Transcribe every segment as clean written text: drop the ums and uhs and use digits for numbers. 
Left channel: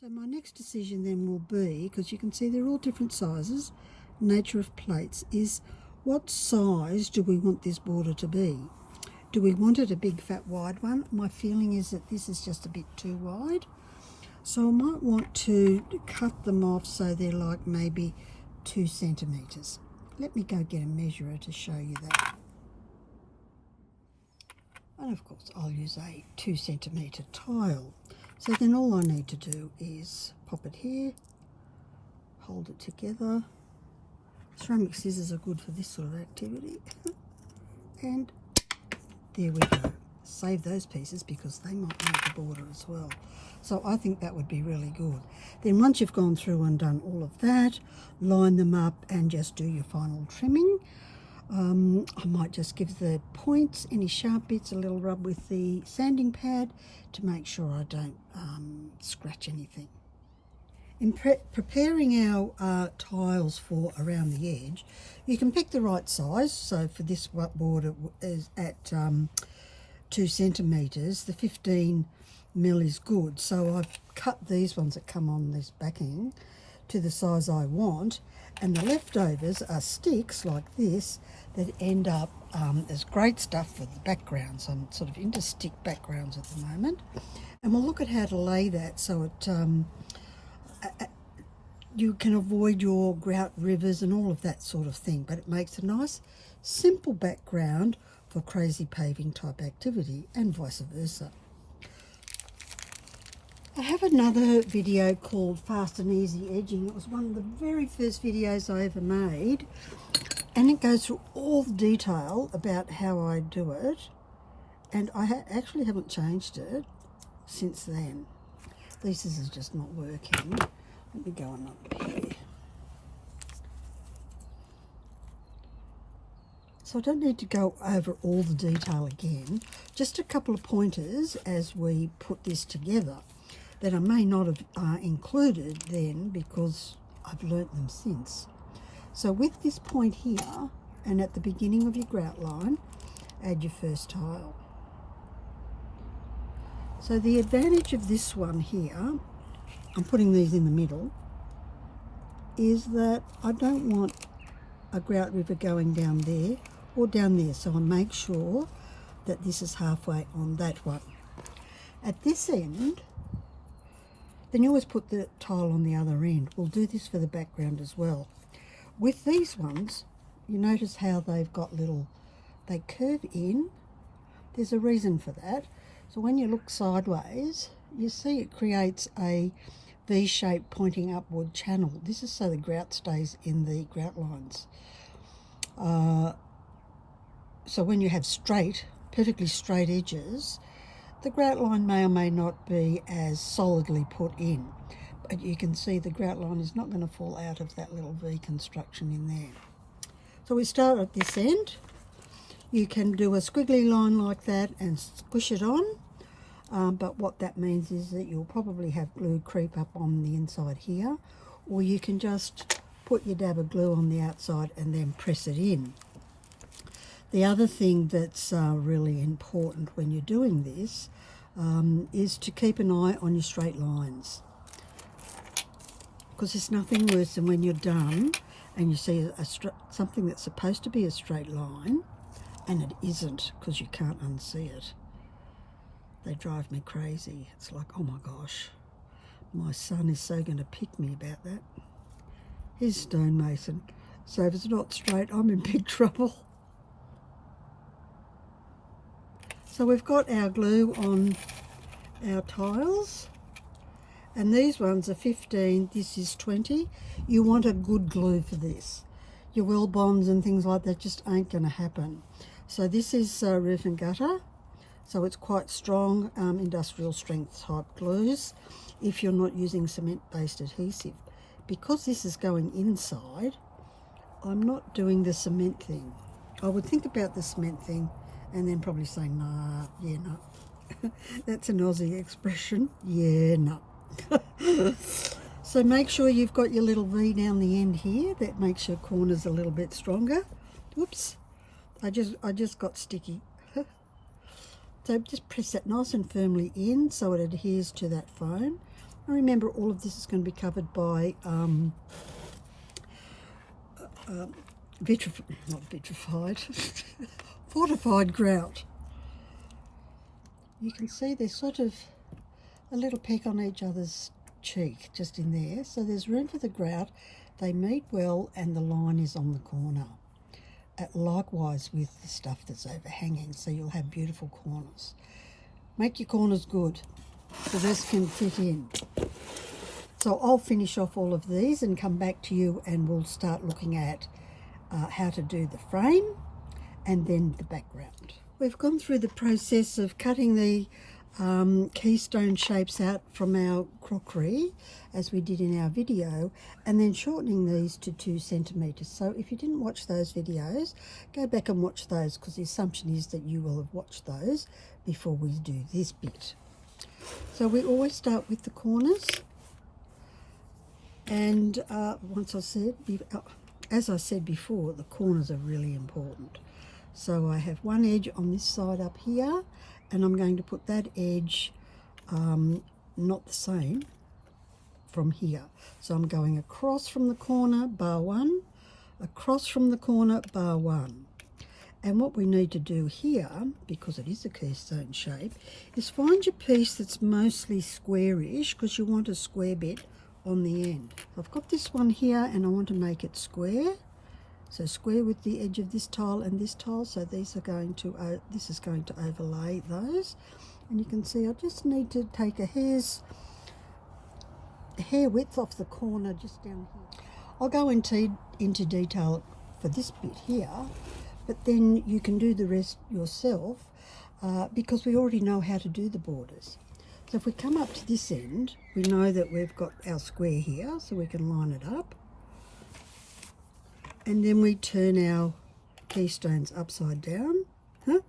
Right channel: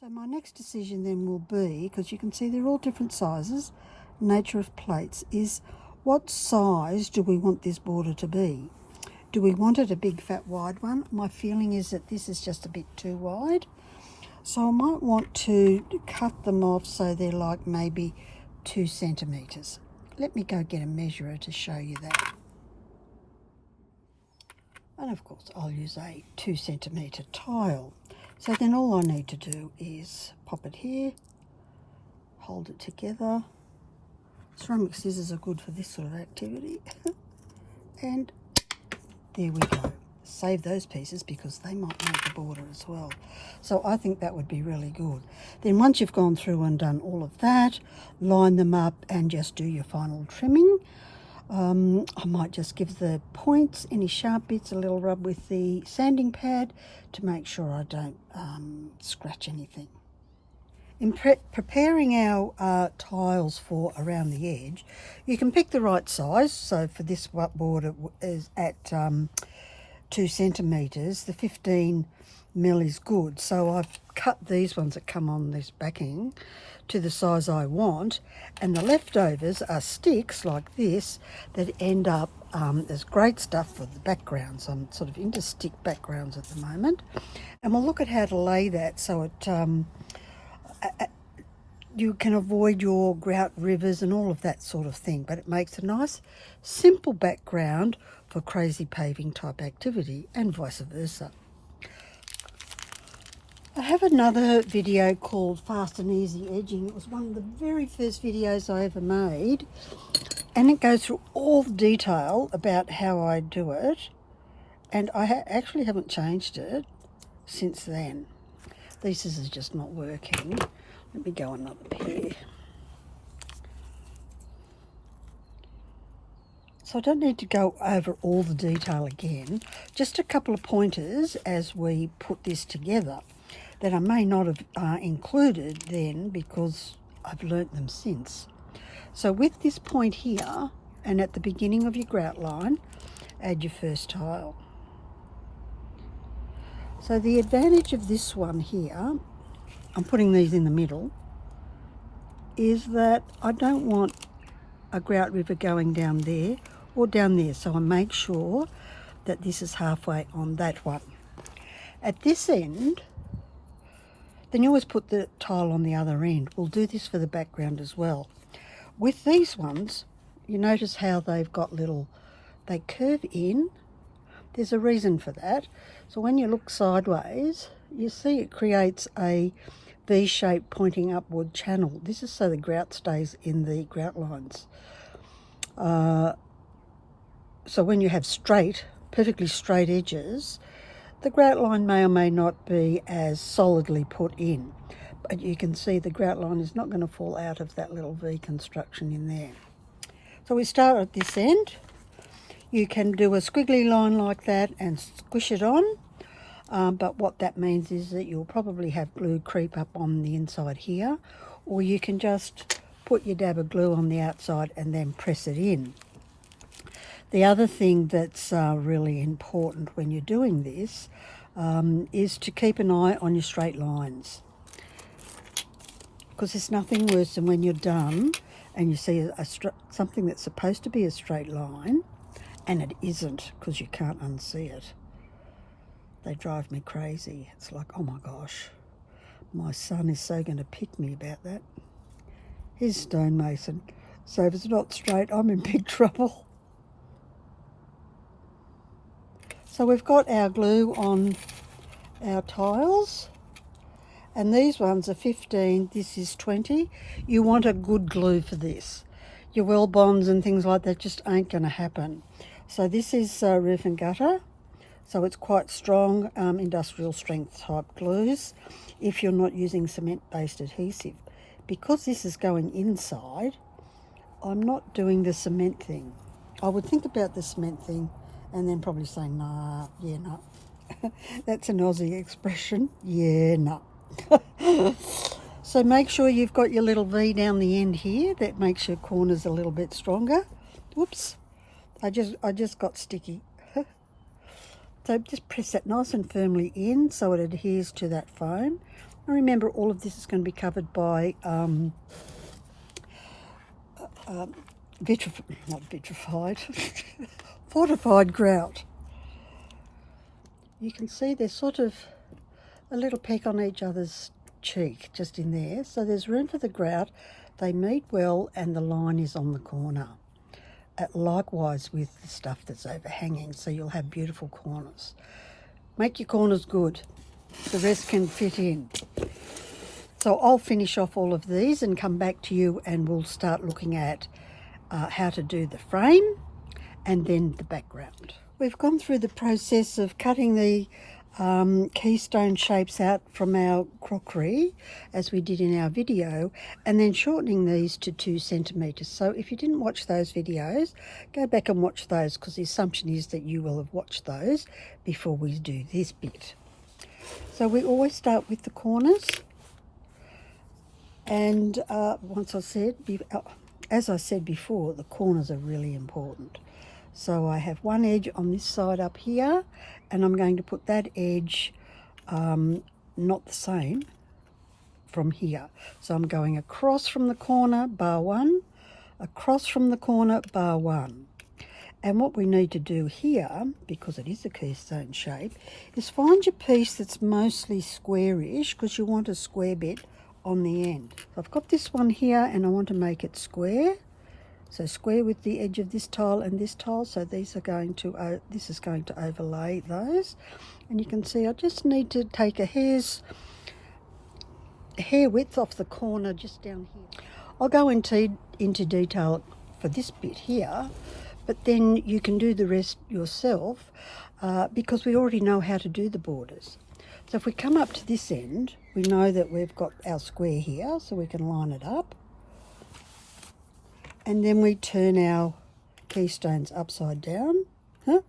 So my next decision then will be, because you can see they're all different sizes, nature of plates, is what size do we want this border to be? Do we want it a big fat wide one? My feeling is that this is just a bit too wide. So I might want to cut them off so they're like maybe 2 centimetres. Let me go get a measurer to show you that. And of course I'll use a 2 centimetre tile. So then all I need to do is pop it here, hold it together. Ceramic scissors are good for this sort of activity. And there we go. Save those pieces because they might need the border as well. So I think that would be really good. Then once you've gone through and done all of that, line them up and just do your final trimming. I might just give the points, any sharp bits, a little rub with the sanding pad to make sure I don't scratch anything. In preparing our tiles for around the edge, you can pick the right size. So for this border is at 2 centimetres, the 15 mil is good. So I've cut these ones that come on this backing to the size I want, and the leftovers are sticks like this that end up as great stuff for the backgrounds. I'm sort of into stick backgrounds at the moment, and we'll look at how to lay that so it you can avoid your grout rivers and all of that sort of thing, but it makes a nice simple background for crazy paving type activity and vice versa. I have another video called Fast and Easy Edging. It was one of the very first videos I ever made, and it goes through all the detail about how I do it, and I actually haven't changed it since then. These scissors are just not working. Let me go on up here. So I don't need to go over all the detail again, just a couple of pointers as we put this together that I may not have included then because I've learnt them since. So with this point here, and at the beginning of your grout line, add your first tile. So the advantage of this one here, I'm putting these in the middle, is that I don't want a grout river going down there or down there, so I make sure that this is halfway on that one. At this end, then you always put the tile on the other end. We'll do this for the background as well. With these ones, you notice how they've got little, they curve in. There's a reason for that. So when you look sideways, you see it creates a V-shaped pointing upward channel. This is so the grout stays in the grout lines. So when you have straight, perfectly straight edges, the grout line may or may not be as solidly put in, but you can see the grout line is not going to fall out of that little V construction in there. So we start at this end. You can do a squiggly line like that and squish it on, but what that means is that you'll probably have glue creep up on the inside here, or you can just put your dab of glue on the outside and then press it in. The other thing that's really important when you're doing this is to keep an eye on your straight lines, because there's nothing worse than when you're done and you see something that's supposed to be a straight line and it isn't, because you can't unsee it. They drive me crazy. It's like, oh my gosh, my son is so going to pick me about that. He's a stonemason, so if it's not straight, I'm in big trouble. So we've got our glue on our tiles, and these ones are 15, this is 20. You want a good glue for this. Your well bonds and things like that just ain't going to happen. So this is roof and gutter, so it's quite strong, industrial strength type glues if you're not using cement-based adhesive. Because this is going inside, I'm not doing the cement thing. I would think about the cement thing and then probably say, nah, yeah, no. That's an Aussie expression, yeah, no. So make sure you've got your little V down the end here. That makes your corners a little bit stronger. Whoops, I just got sticky. So just press that nice and firmly in so it adheres to that foam. And remember, all of this is going to be covered by fortified grout. You can see there's sort of a little peck on each other's cheek just in there, so there's room for the grout. They meet well and the line is on the corner. Likewise with the stuff that's overhanging, so you'll have beautiful corners. Make your corners good, the rest can fit in. So I'll finish off all of these and come back to you, and we'll start looking at how to do the frame and then the background. We've gone through the process of cutting the keystone shapes out from our crockery as we did in our video, and then shortening these to 2 centimetres. So if you didn't watch those videos, go back and watch those, because the assumption is that you will have watched those before we do this bit. So we always start with the corners, and as I said before, the corners are really important. So I have one edge on this side up here, and I'm going to put that edge not the same from here. So I'm going across from the corner, bar 1, across from the corner, bar 1. And what we need to do here, because it is a keystone shape, is find your piece that's mostly squarish, because you want a square bit on the end. I've got this one here and I want to make it square. So square with the edge of this tile and this tile. So these are going to, this is going to overlay those. And you can see I just need to take a hair width off the corner just down here. I'll go into detail for this bit here, but then you can do the rest yourself because we already know how to do the borders. So if we come up to this end, we know that we've got our square here, so we can line it up. And then we turn our keystones upside down, and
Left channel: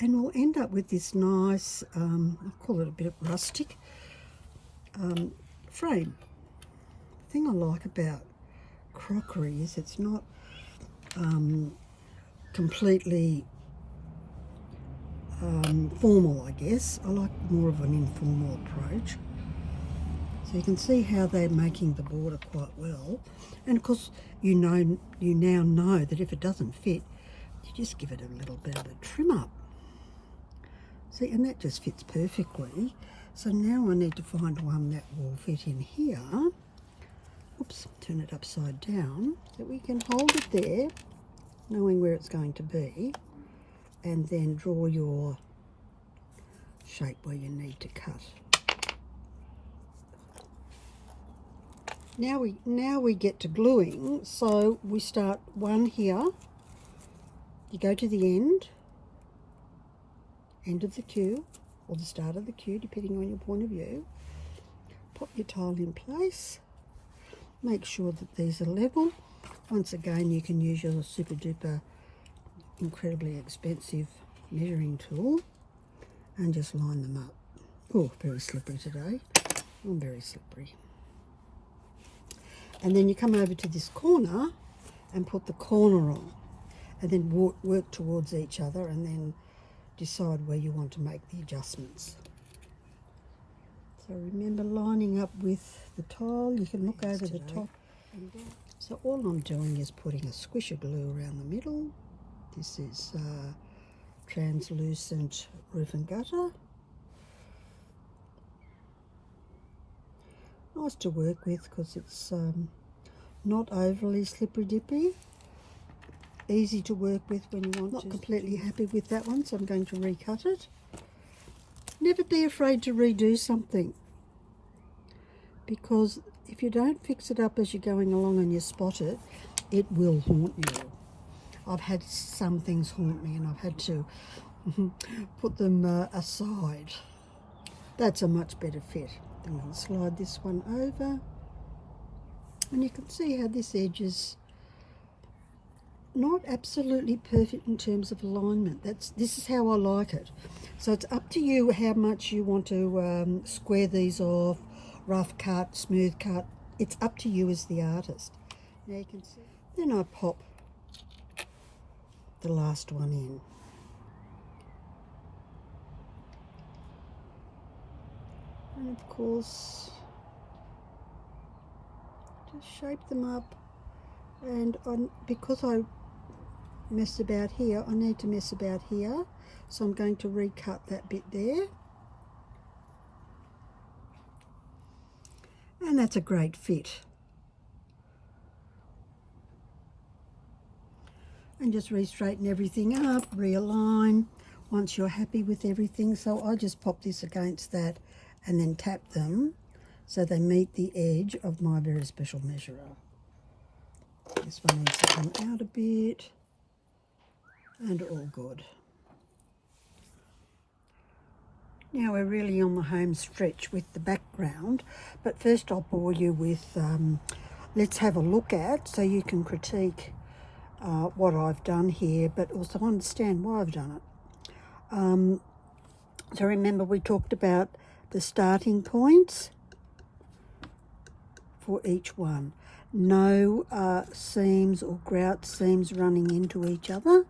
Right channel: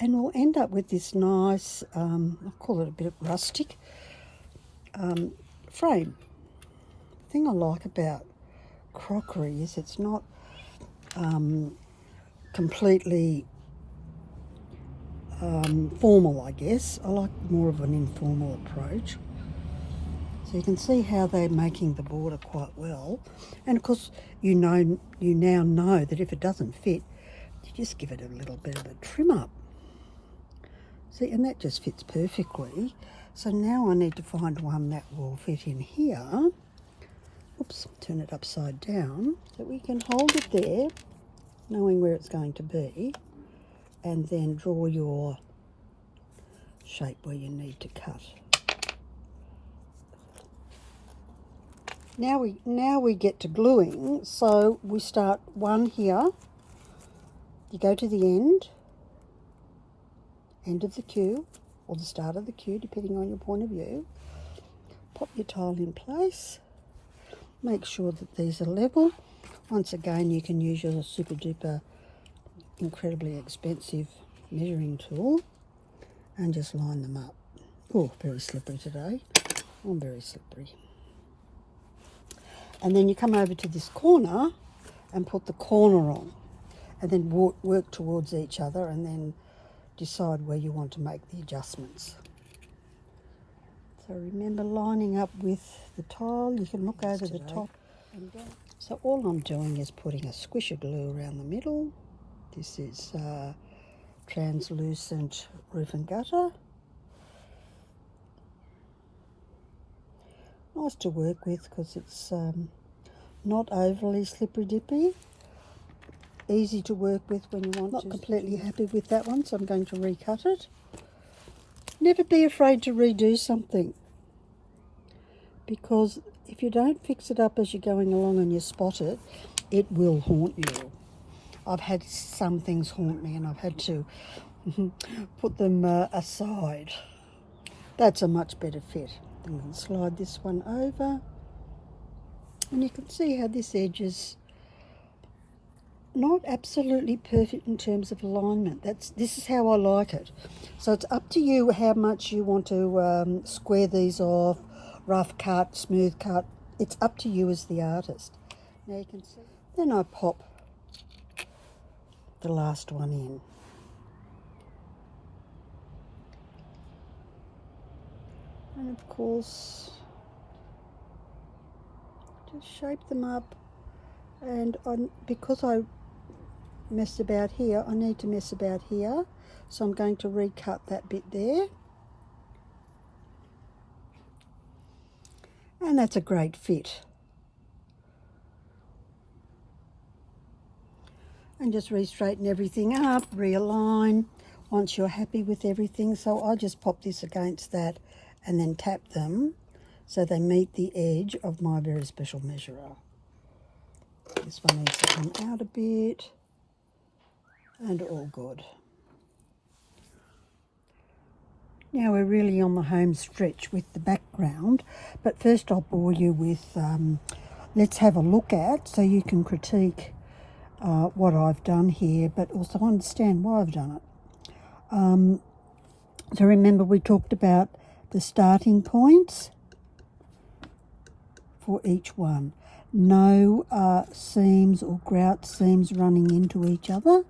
we'll end up with this nice, I'll call it a bit of rustic frame. The thing I like about crockery is it's not completely formal, I guess. I like more of an informal approach. So you can see how they're making the border quite well. And of course, you now know that if it doesn't fit, you just give it a little bit of a trim up. See, and that just fits perfectly. So now I need to find one that will fit in here. Oops, turn it upside down so we can hold it there, knowing where it's going to be, and then draw your shape where you need to cut. Now we get to gluing, so we start one here. You go to the end of the queue, or the start of the queue, depending on your point of view. Pop your tile in place. Make sure that these are level. Once again, you can use your super duper incredibly expensive measuring tool and just line them up. Oh, very slippery today. I'm very slippery. And then you come over to this corner and put the corner on, and then work towards each other, and then decide where you want to make the adjustments. So remember lining up with the tile. You can look over the top and down. So all I'm doing is putting a squish of glue around the middle. This is translucent roof and gutter. Nice to work with because it's not overly slippery dippy. Easy to work with when you want to. Not completely happy with that one, so I'm going to recut it. Never be afraid to redo something, because if you don't fix it up as you're going along and you spot it, it will haunt you. I've had some things haunt me and I've had to put them aside. That's a much better fit. I'm going to slide this one over, and you can see how this edge is not absolutely perfect in terms of alignment. This is how I like it. So it's up to you how much you want to square these off, rough cut, smooth cut. It's up to you as the artist. Now you can see. Then I pop the last one in. And of course, just shape them up. And because I messed about here, I need to mess about here. So I'm going to recut that bit there. And that's a great fit. And just re-straighten everything up, realign once you're happy with everything. So I just pop this against that and then tap them so they meet the edge of my very special measurer. This one needs to come out a bit, and all good. Now we're really on the home stretch with the background, but first I'll bore you with, let's have a look at, so you can critique what I've done here, but also understand why I've done it. So remember we talked about the starting points for each one. No seams or grout seams running into each other.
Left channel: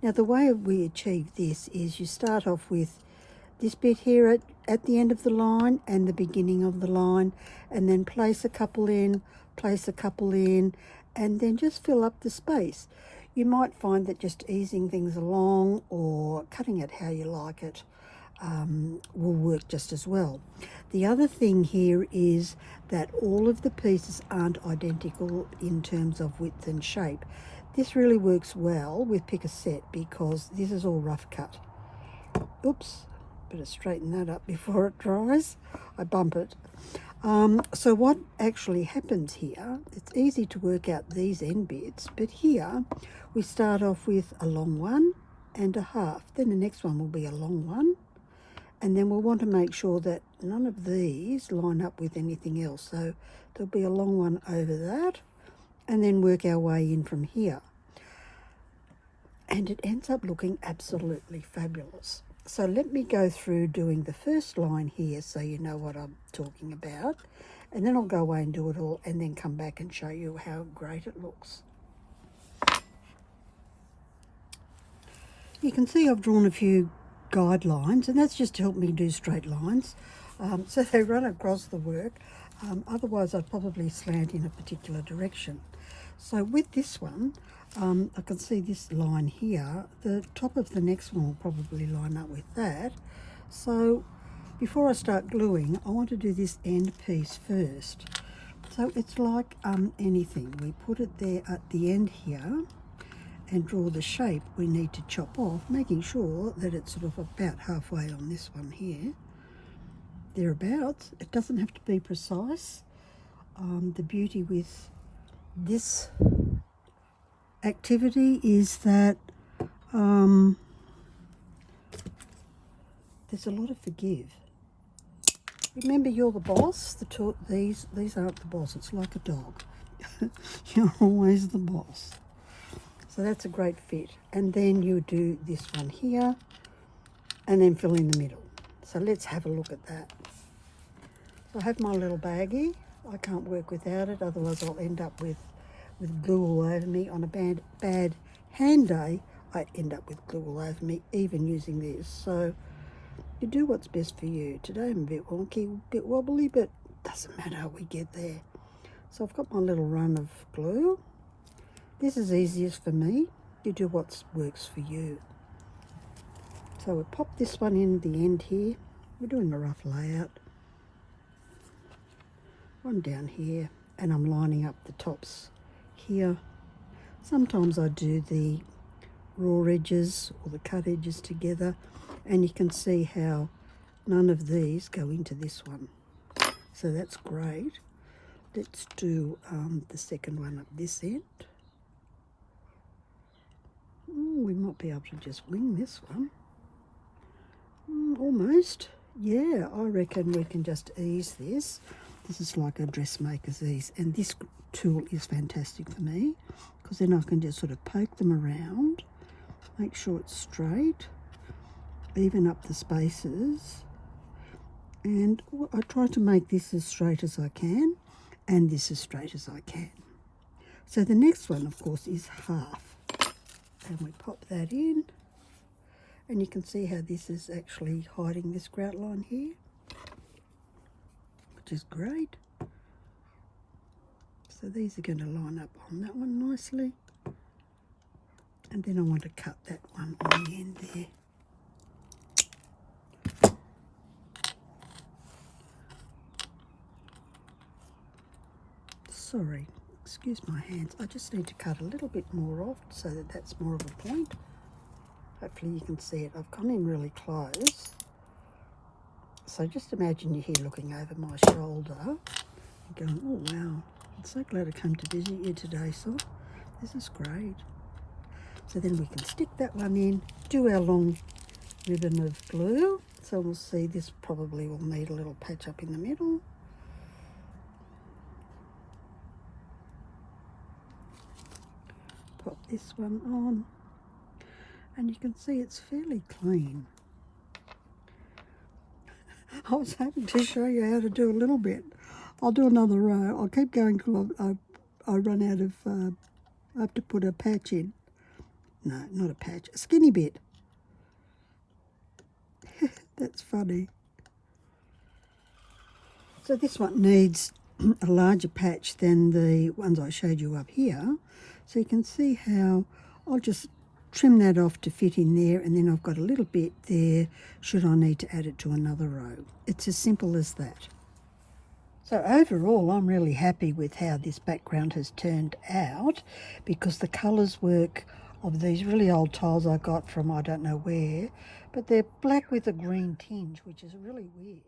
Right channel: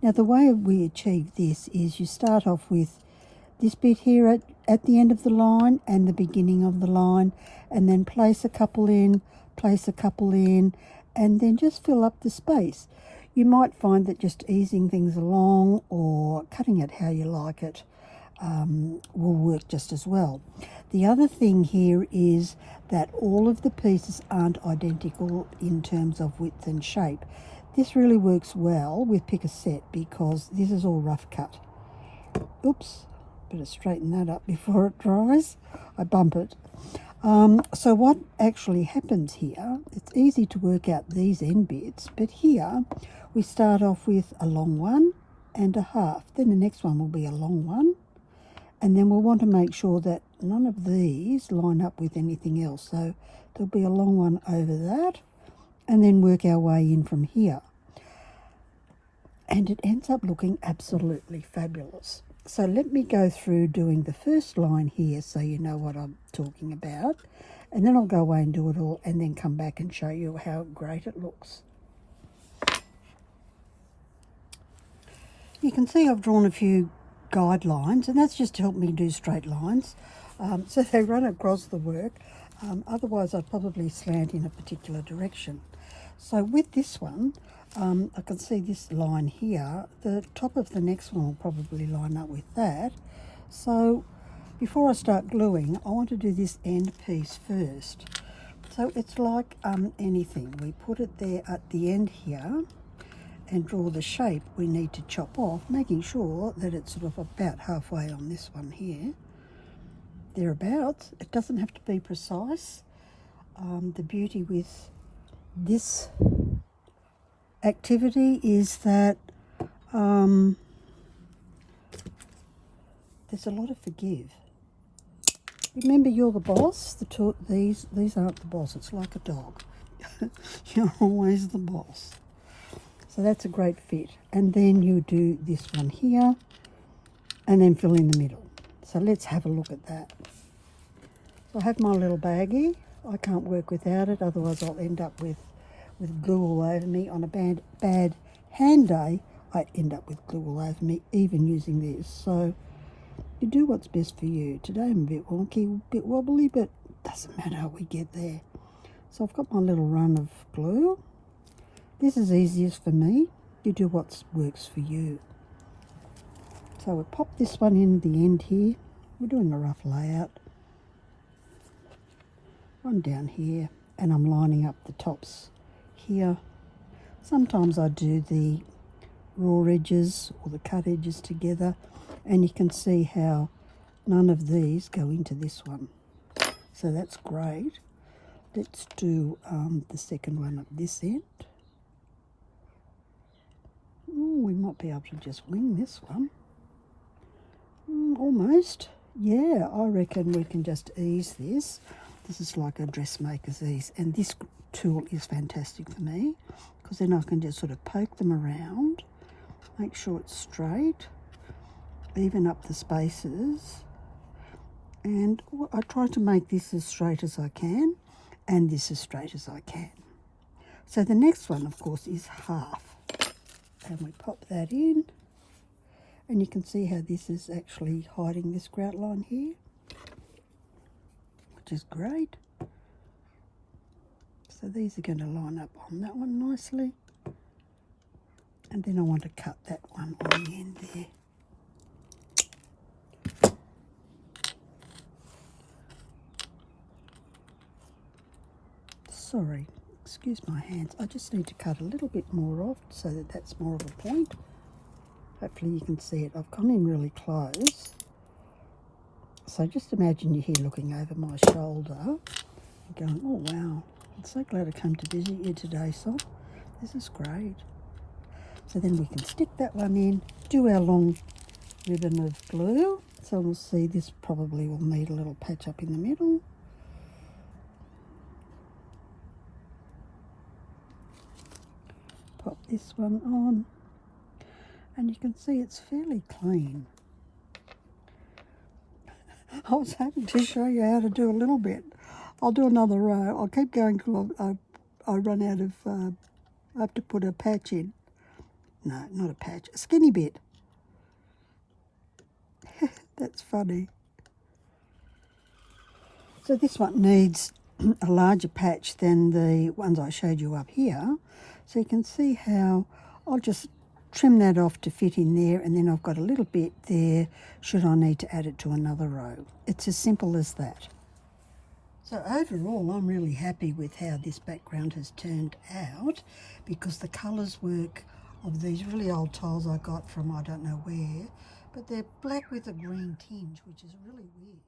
Now the way we achieve this is you start off with this bit here at the end of the line and the beginning of the line, and then place a couple in, place a couple in, and then just fill up the space. You might find that just easing things along or cutting it how you like it will work just as well. The other thing here is that all of the pieces aren't identical in terms of width and shape. This really works well with Picassiette because this is all rough cut. Oops, better straighten that up before it dries. I bump it. So what actually happens here, it's easy to work out these end bits, but here we start off with a long one and a half. Then the next one will be a long one. And then we'll want to make sure that none of these line up with anything else. So there'll be a long one over that, and then work our way in from here. And it ends up looking absolutely fabulous. So let me go through doing the first line here so you know what I'm talking about. And then I'll go away and do it all and then come back and show you how great it looks. You can see I've drawn a few guidelines, and that's just to help me do straight lines, so they run across the work. Otherwise I'd probably slant in a particular direction. So with this one, I can see this line here, the top of the next one will probably line up with that. So before I start gluing, I want to do this end piece first. So it's like anything, we put it there at the end here and draw the shape we need to chop off, making sure that it's sort of about halfway on this one here, thereabouts. It doesn't have to be precise. The beauty with this activity is that there's a lot of forgive. Remember, you're the boss. These aren't the boss. It's like a dog. You're always the boss. So that's a great fit. And then you do this one here and then fill in the middle. So let's have a look at that. So I have my little baggie. I can't work without it, otherwise I'll end up with glue all over me. On a bad hand day, I end up with glue all over me, even using this. So you do what's best for you. Today I'm a bit wonky, a bit wobbly, but doesn't matter how we get there. So I've got my little run of glue. This is easiest for me. You do what works for you. So we pop this one in the end here. We're doing a rough layout. One down here, and I'm lining up the tops here. Sometimes I do the raw edges or the cut edges together, and you can see how none of these go into this one. So that's great. Let's do the second one at this end. We might be able to just wing this one. Almost. Yeah, I reckon we can just ease this. This is like a dressmaker's ease, and this tool is fantastic for me because then I can just sort of poke them around, make sure it's straight, even up the spaces, and I try to make this as straight as I can and this as straight as I can. So the next one, of course, is half. And we pop that in, and you can see how this is actually hiding this grout line here. which is great. So these are going to line up on that one nicely. And then I want to cut that one on the end there. Sorry, excuse my hands. I just need to cut a little bit more off so that that's more of a point. Hopefully you can see it. I've gone in really close. So just imagine you're here looking over my shoulder and going, oh wow, I'm so glad I came to visit you today, so this is great. So then we can stick that one in, do our long ribbon of glue. So we'll see this probably will need a little patch up in the middle. Pop this one on, and you can see it's fairly clean. I was hoping to show you how to do a little bit. I'll do another row. I'll keep going till I run out of, I have to put a patch in. No, not a patch, a skinny bit. That's funny. So this one needs a larger patch than the ones I showed you up here. So you can see how I'll just trim that off to fit in there, and then I've got a little bit there should I need to add it to another row. It's as simple as that. So overall, I'm really happy with how this background has turned out, because the colours work of these really old tiles I got from I don't know where, but they're black with a green tinge, which is really weird.